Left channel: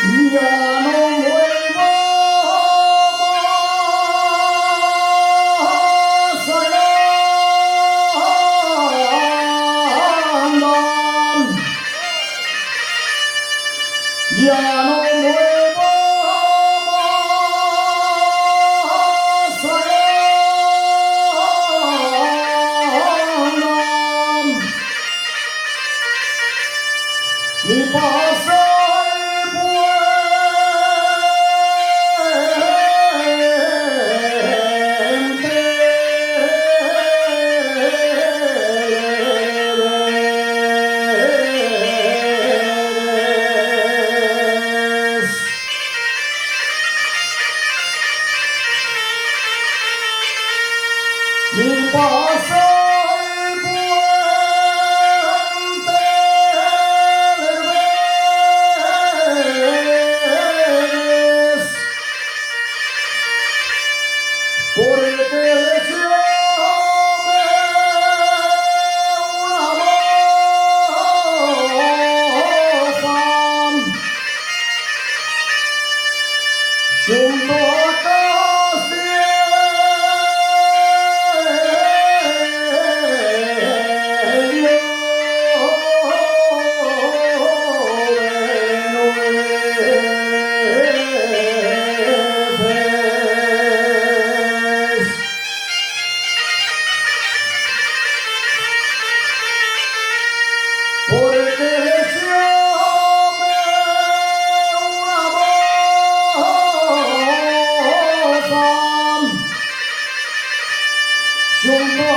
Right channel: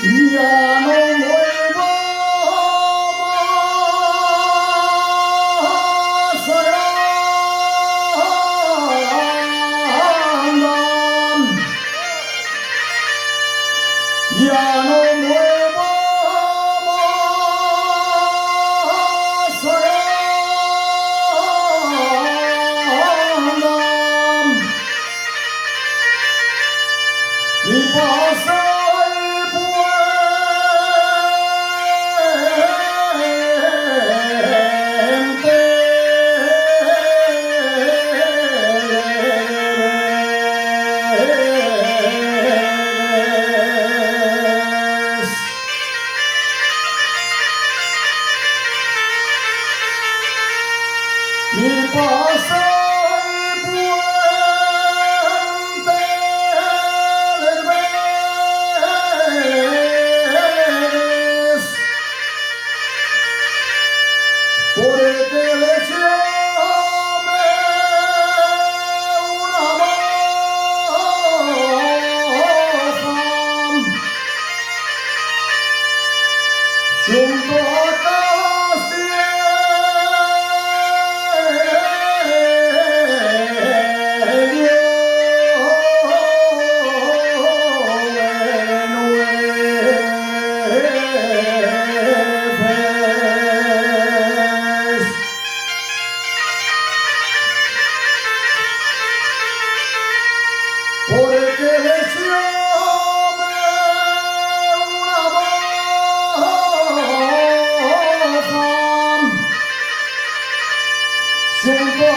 Ya no vuelvo más a ya no vuelvo más mi paso el mi paso el puente del Vélez, porque les llame una moza junto a porque les llame una moza junto a